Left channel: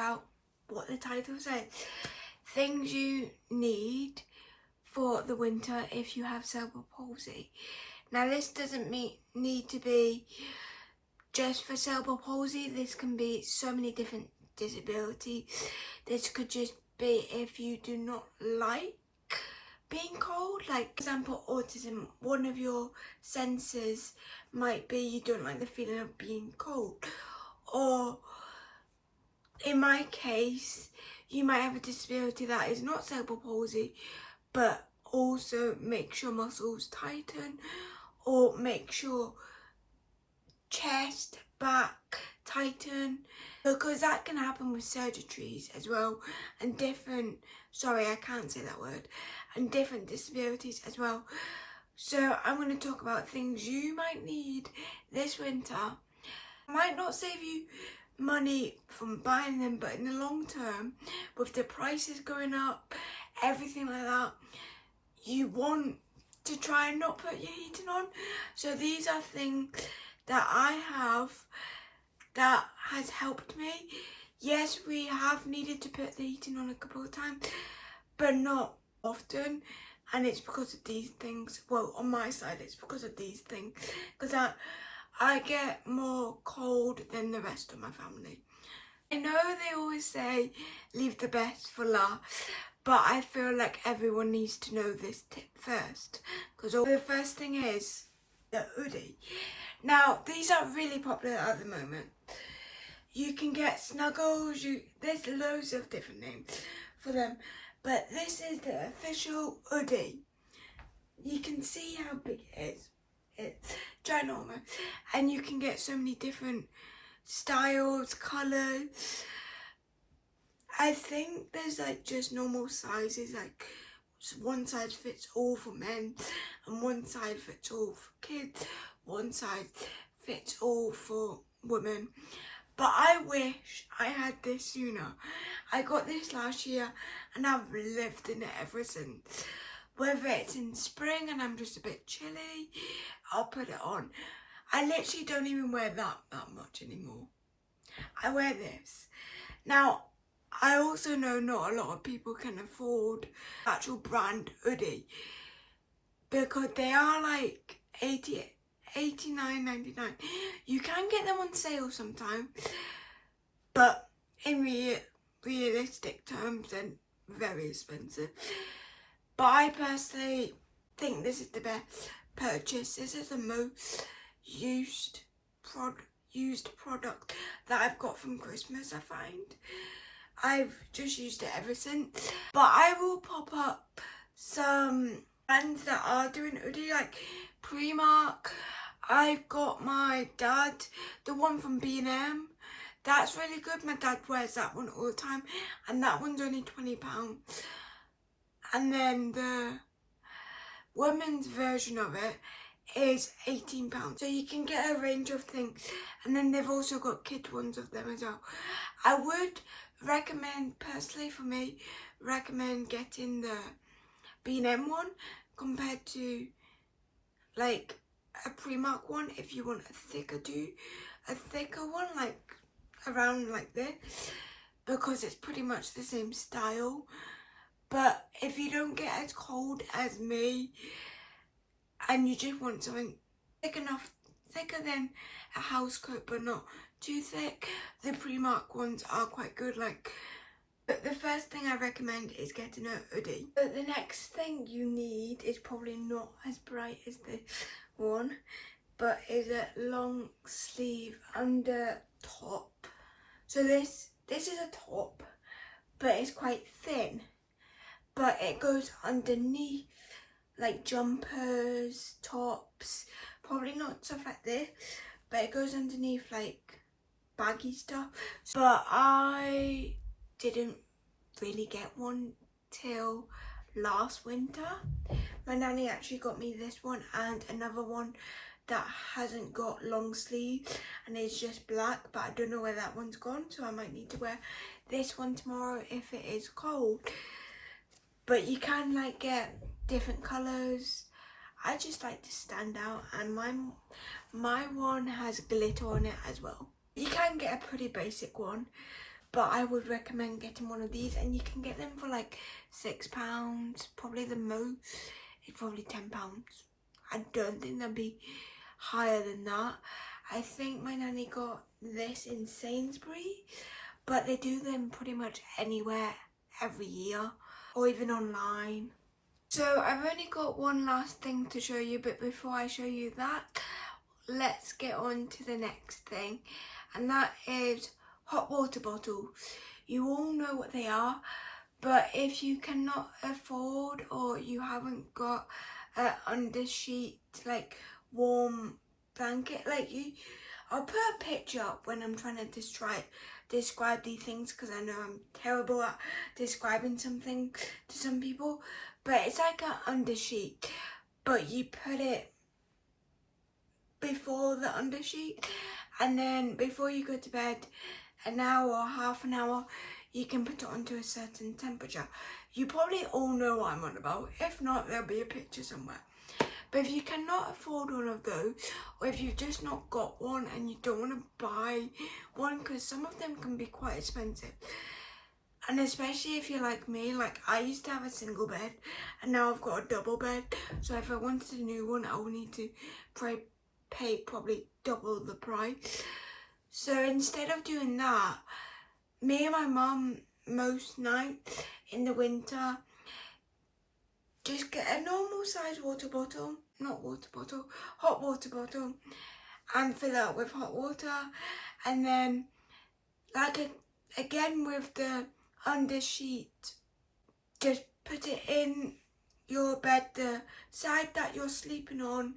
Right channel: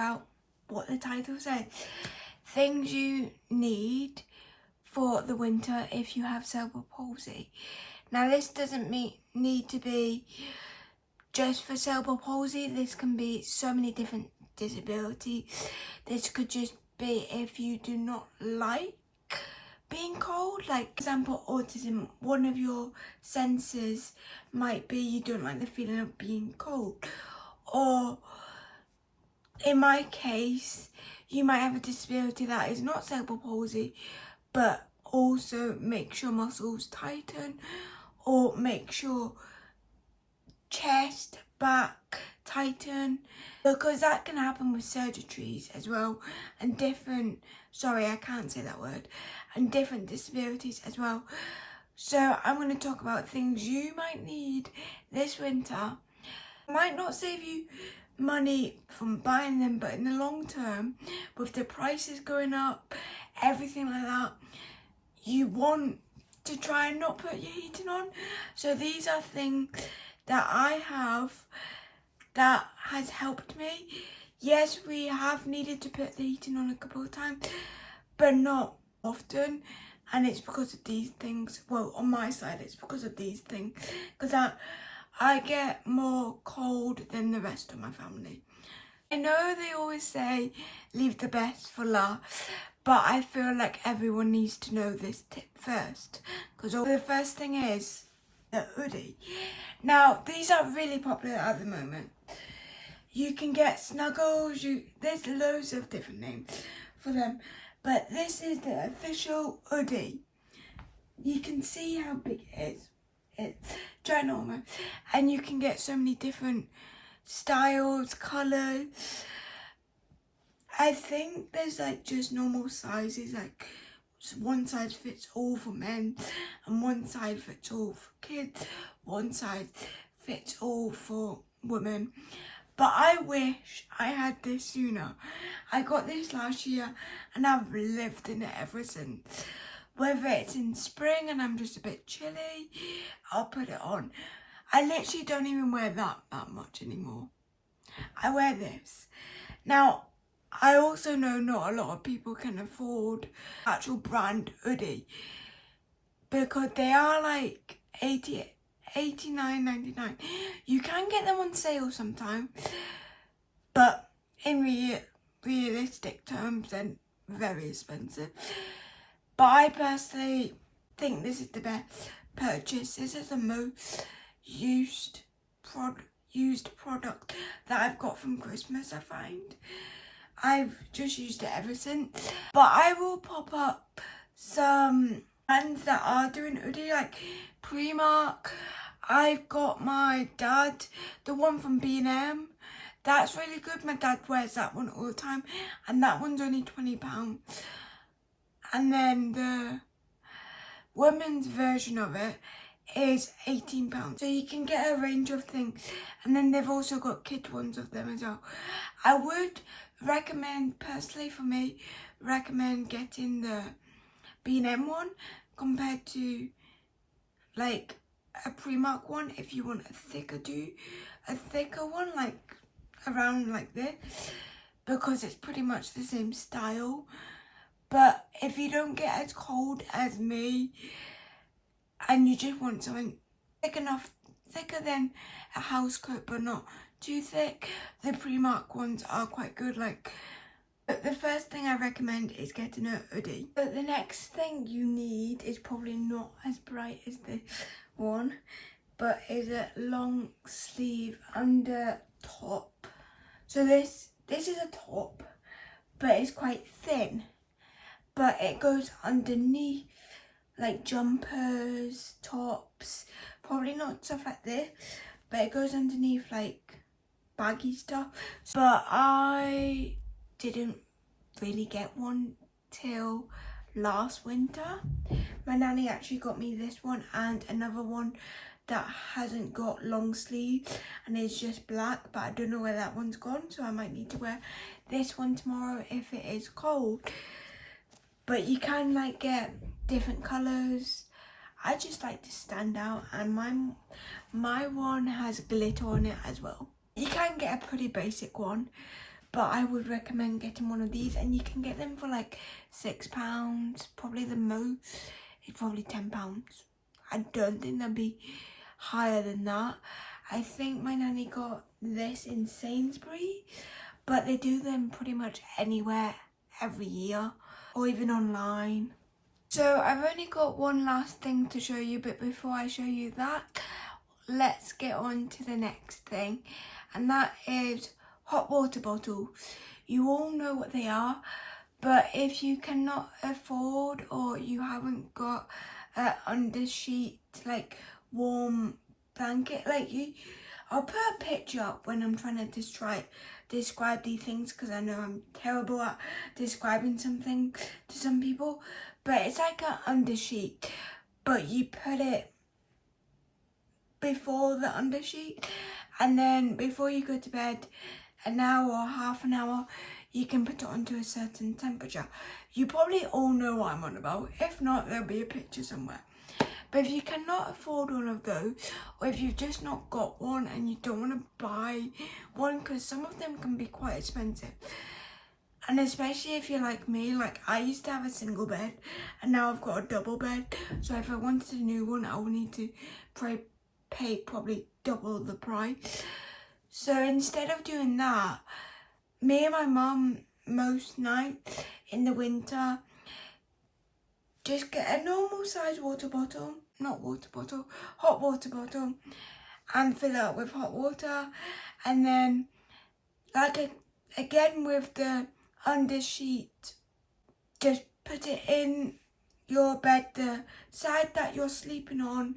about what the title says. Things you need for the winter if you have cerebral palsy. Now this doesn't need to be just for cerebral palsy. This can be so many different disabilities. This could just be if you do not like being cold, like for example autism. One of your senses might be you don't like the feeling of being cold, or in my case you might have a disability that is not cerebral palsy but also makes your muscles tighten, or makes your chest, back tighten, because that can happen with surgeries as well, and different, sorry I can't say that word, and different disabilities as well. So I'm going to talk about things you might need this winter. It might not save you money from buying them, but in the long term, with the prices going up, everything like that, you want to try and not put your heating on. So these are things that I have that has helped me. Yes, we have needed to put the heating on a couple of times, but not often, and it's because of these things. Well, on my side it's because of these things, because I get more cold than the rest of my family. I know they always say leave the best for last, but I feel like everyone needs to know this tip first, because the first thing is the hoodie. Now these are really popular at the moment. You can get snuggles, there's loads of different names for them, but this is the official hoodie. You can see how big it is. It's ginormous, and you can get so many different styles, colours. I think there's like just normal sizes, like one size fits all for men and one size fits all for kids, one size fits all for women. But I wish I had this sooner. I got this last year and I've lived in it ever since. Whether it's in spring and I'm just a bit chilly, I'll put it on. I literally don't even wear that much anymore. I wear this. Now, I also know not a lot of people can afford actual brand hoodie, because they are like $89.99. You can get them on sale sometimes, but in realistic terms they're very expensive. But I personally think this is the best purchase. This is the most used product that I've got from Christmas, I find. I've just used it ever since. But I will pop up some brands that are doing hoodie, like Primark. I've got my dad, the one from B&M. That's really good. My dad wears that one all the time, and that one's only £20. And then the women's version of it is £18. So you can get a range of things, and then they've also got kid ones of them as well. I would recommend, personally for me, getting the B&M one compared to like a Primark one if you want a thicker one, like around like this, because it's pretty much the same style. But if you don't get as cold as me and you just want something thicker than a house coat but not too thick, the Primark ones are quite good. But the first thing I recommend is getting a hoodie. But the next thing you need is probably not as bright as this one, but is a long sleeve under top. So this is a top, but it's quite thin, but it goes underneath like jumpers, tops, probably not stuff like this, but it goes underneath like baggy stuff. But I didn't really get one till last winter. My nanny actually got me this one and another one that hasn't got long sleeves and it's just black, but I don't know where that one's gone, so I might need to wear this one tomorrow if it is cold. But you can like get different colours. I just like to stand out, and my one has glitter on it as well. You can get a pretty basic one, but I would recommend getting one of these, and you can get them for like £6, probably the most. It's probably £10. I don't think they'll be higher than that. I think my nanny got this in Sainsbury's, but they do them pretty much anywhere every year, or even online. So I've only got one last thing to show you, but before I show you that, let's get on to the next thing, and that is hot water bottles. You all know what they are, but if you cannot afford, or you haven't got an undersheet, like warm blanket, I'll put a picture up when I'm trying to describe these things, because I know I'm terrible at describing something to some people, but it's like an undersheet, but you put it before the undersheet, and then before you go to bed, an hour or half an hour, you can put it onto a certain temperature. You probably all know what I'm on about. If not, there'll be a picture somewhere. But if you cannot afford one of those, or if you've just not got one and you don't want to buy one, because some of them can be quite expensive, and especially if you're like me, like I used to have a single bed and now I've got a double bed, so if I wanted a new one, I would need to pay probably double the price. So instead of doing that, me and my mum, most nights in the winter, just get a normal size hot water bottle, and fill it up with hot water, and then again with the undersheet, just put it in your bed, the side that you're sleeping on,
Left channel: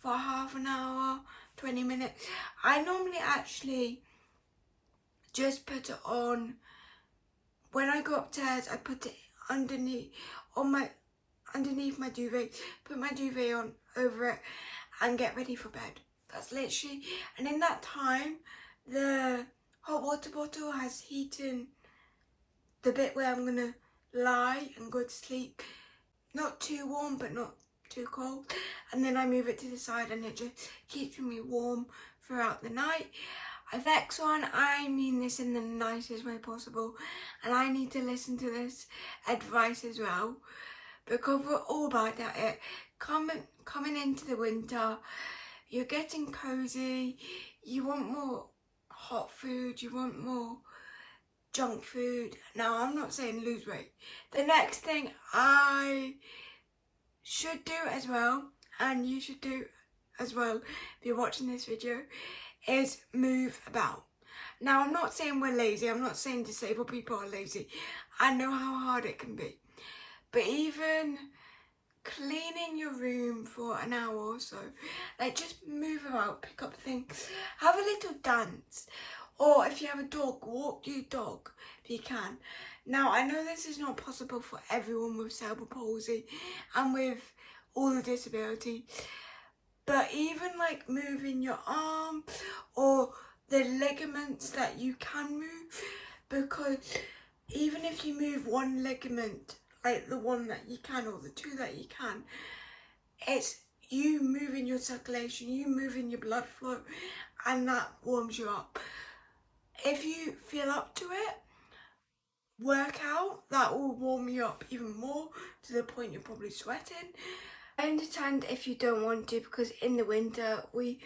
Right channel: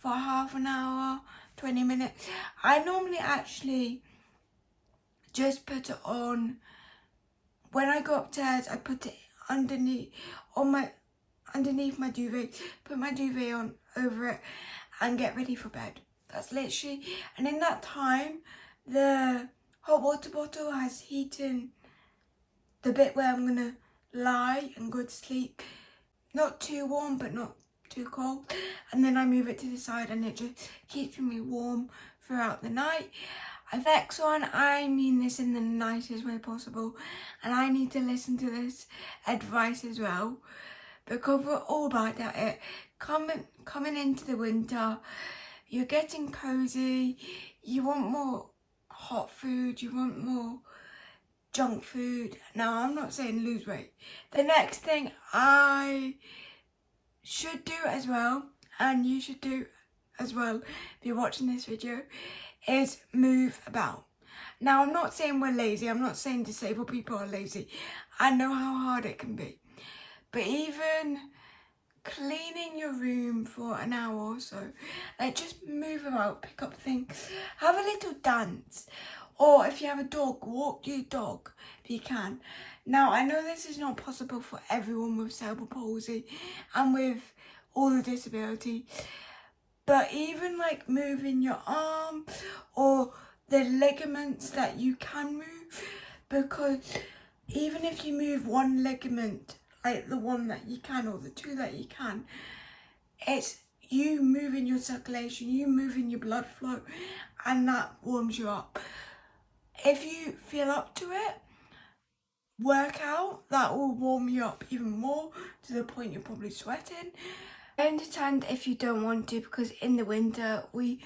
for half an hour, 20 minutes. I normally actually just put it on when I go upstairs. I put it underneath my duvet, put my duvet on over it, and get ready for bed. That's literally, and in that time, the hot water bottle has heated the bit where I'm gonna lie and go to sleep. Not too warm, but not too cold. And then I move it to the side, and it just keeps me warm throughout the night. Effects on, I mean this in the nicest way possible, and I need to listen to this advice as well, because we're all bad at it. Coming into the winter, you're getting cozy, you want more hot food, you want more junk food. Now, I'm not saying lose weight. The next thing I should do as well, and you should do as well if you're watching this video, is move about. Now, I'm not saying we're lazy. I'm not saying disabled people are lazy. I know how hard it can be. But even cleaning your room for an hour or so, like just move about, pick up things, have a little dance. Or if you have a dog, walk your dog if you can. Now, I know this is not possible for everyone with cerebral palsy and with all the disability, but even like moving your arm or the ligaments that you can move, because even if you move one ligament, like the one that you can or the two that you can, it's you moving your circulation, you moving your blood flow, and that warms you up. If you feel up to it, work out, that will warm you up even more to the point you're probably sweating. I understand if you don't want to, because in the winter we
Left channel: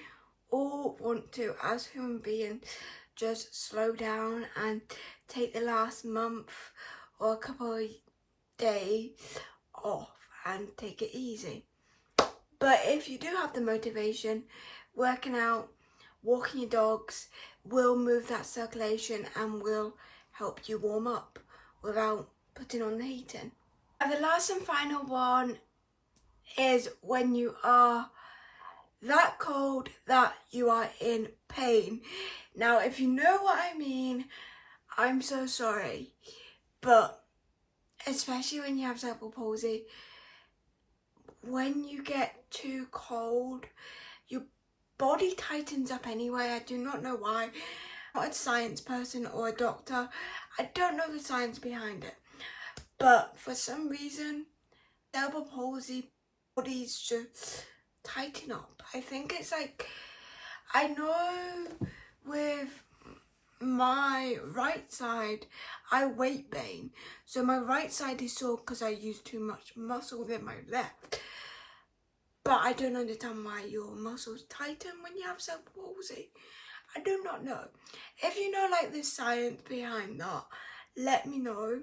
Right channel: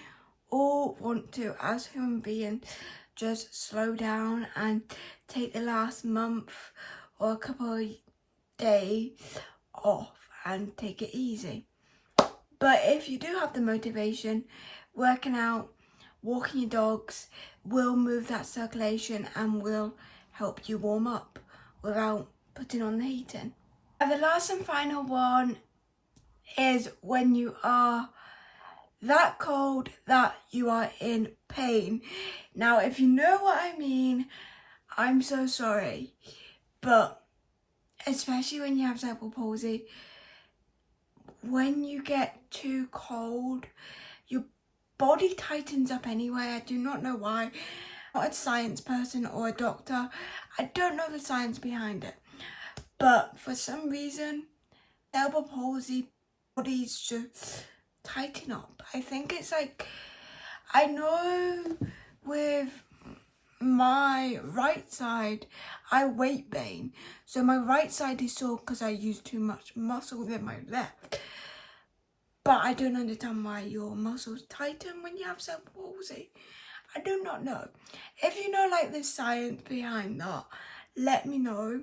all want to, as human beings, just slow down and take the last month or a couple of days off and take it easy. But if you do have the motivation, working out, walking your dogs will move that circulation and will help you warm up without putting on the heating. And the last and final one is when you are that cold that you are in pain. Now, if you know what I mean, I'm so sorry, but especially when you have cerebral palsy, when you get too cold, your body tightens up anyway. I do not know why. I'm not a science person or a doctor. I don't know the science behind it, but for some reason, cerebral palsy bodies just tighten up. I think it's like, I know with my right side, I weight gain. So my right side is sore because I use too much muscle than my left. But I don't understand why your muscles tighten when you have cerebral palsy. I do not know. If you know like the science behind that, let me know.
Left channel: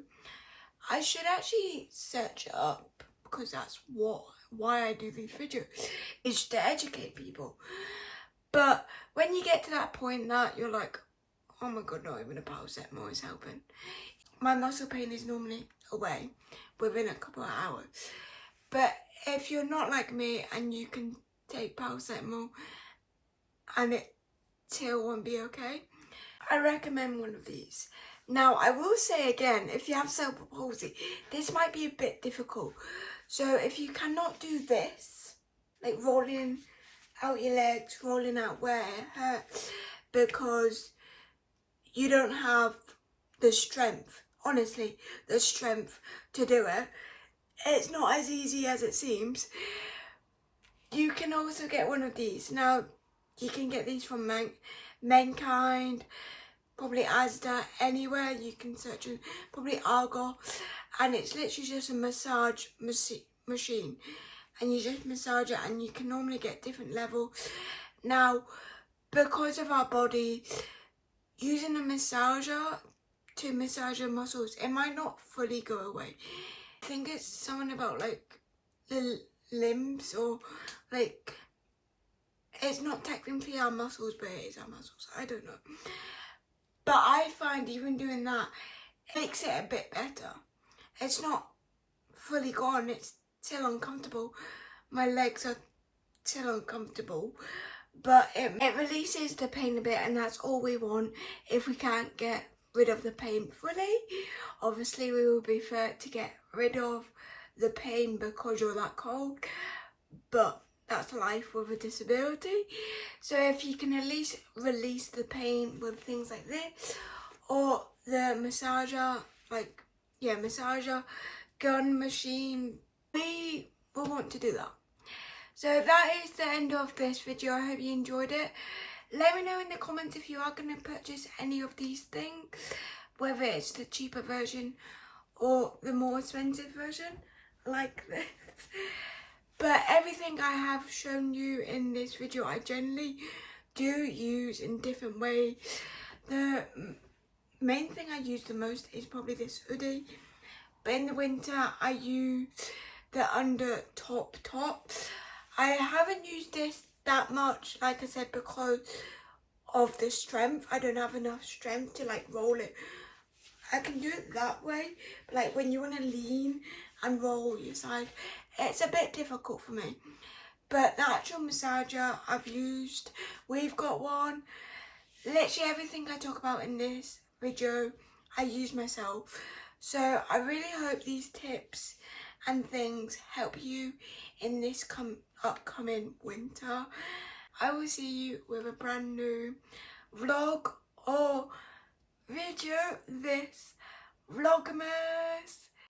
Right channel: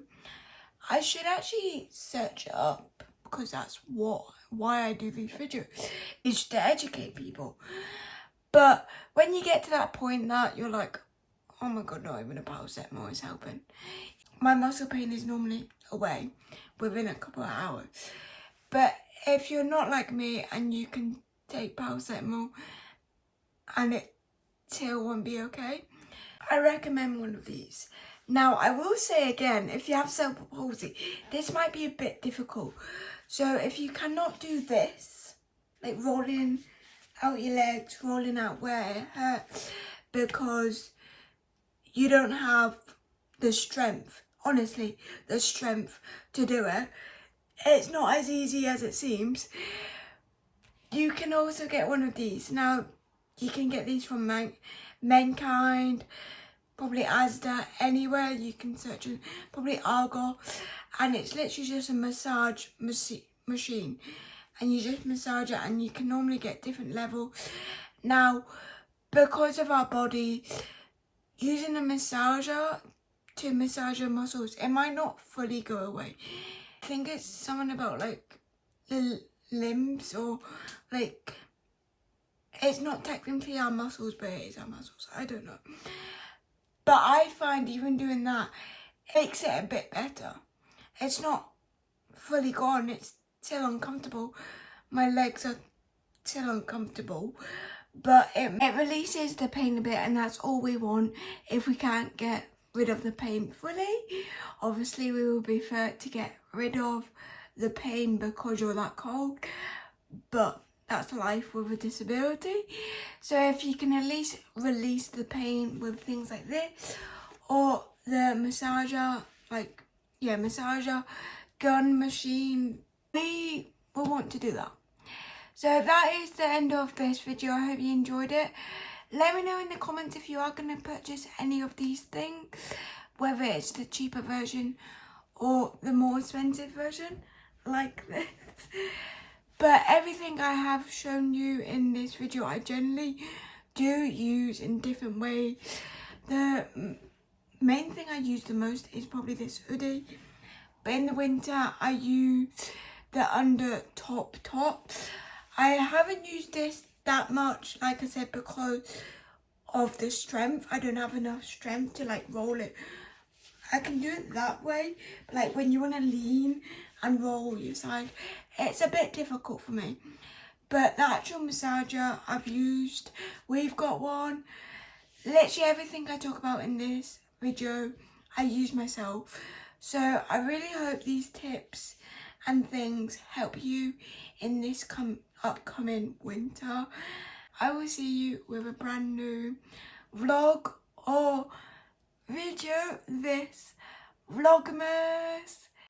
I should actually search it up because that's why I do these videos, is to educate people. But when you get to that point that you're like, oh my god, not even a paracetamol is helping. My muscle pain is normally away within a couple of hours. But if you're not like me and you can take paracetamol and it still won't be okay, I recommend one of these. Now, I will say again, if you have cerebral palsy, this might be a bit difficult. So if you cannot do this, like rolling out your legs, rolling out where it hurts, because you don't have the strength, honestly, the strength to do it, it's not as easy as it seems. You can also get one of these. Now, you can get these from Mankind, probably Asda, anywhere you can search it, probably Argo, and it's literally just a massage machine, and you just massage it, and you can normally get different levels. Now, because of our body, using a massager to massage your muscles, it might not fully go away. I think it's something about like the limbs, or like, it's not technically our muscles, but it is our muscles. I don't know. But I find even doing that makes it a bit better. It's not fully gone, it's still uncomfortable. My legs are still uncomfortable, but it releases the pain a bit, and that's all we want. If we can't get rid of the pain fully, obviously we would prefer to get rid of the pain because you're that cold, but that's life with a disability. So if you can at least release the pain with things like this, or the massager, like, yeah, massager, gun machine, we will want to do that. So that is the end of this video. I hope you enjoyed it. Let me know in the comments if you are going to purchase any of these things, whether it's the cheaper version or the more expensive version, like this. But everything I have shown you in this video, I generally do use in different ways. The main thing I use the most is probably this hoodie. But in the winter, I use the under top. I haven't used this that much, like I said, because of the strength. I don't have enough strength to like roll it. I can do it that way, but like when you want to lean and roll your side, it's a bit difficult for me. But the actual massager I've used, we've got one. Literally everything I talk about in this video, I use myself. So I really hope these tips and things help you in this upcoming winter. I will see you with a brand new vlog or video this Vlogmas.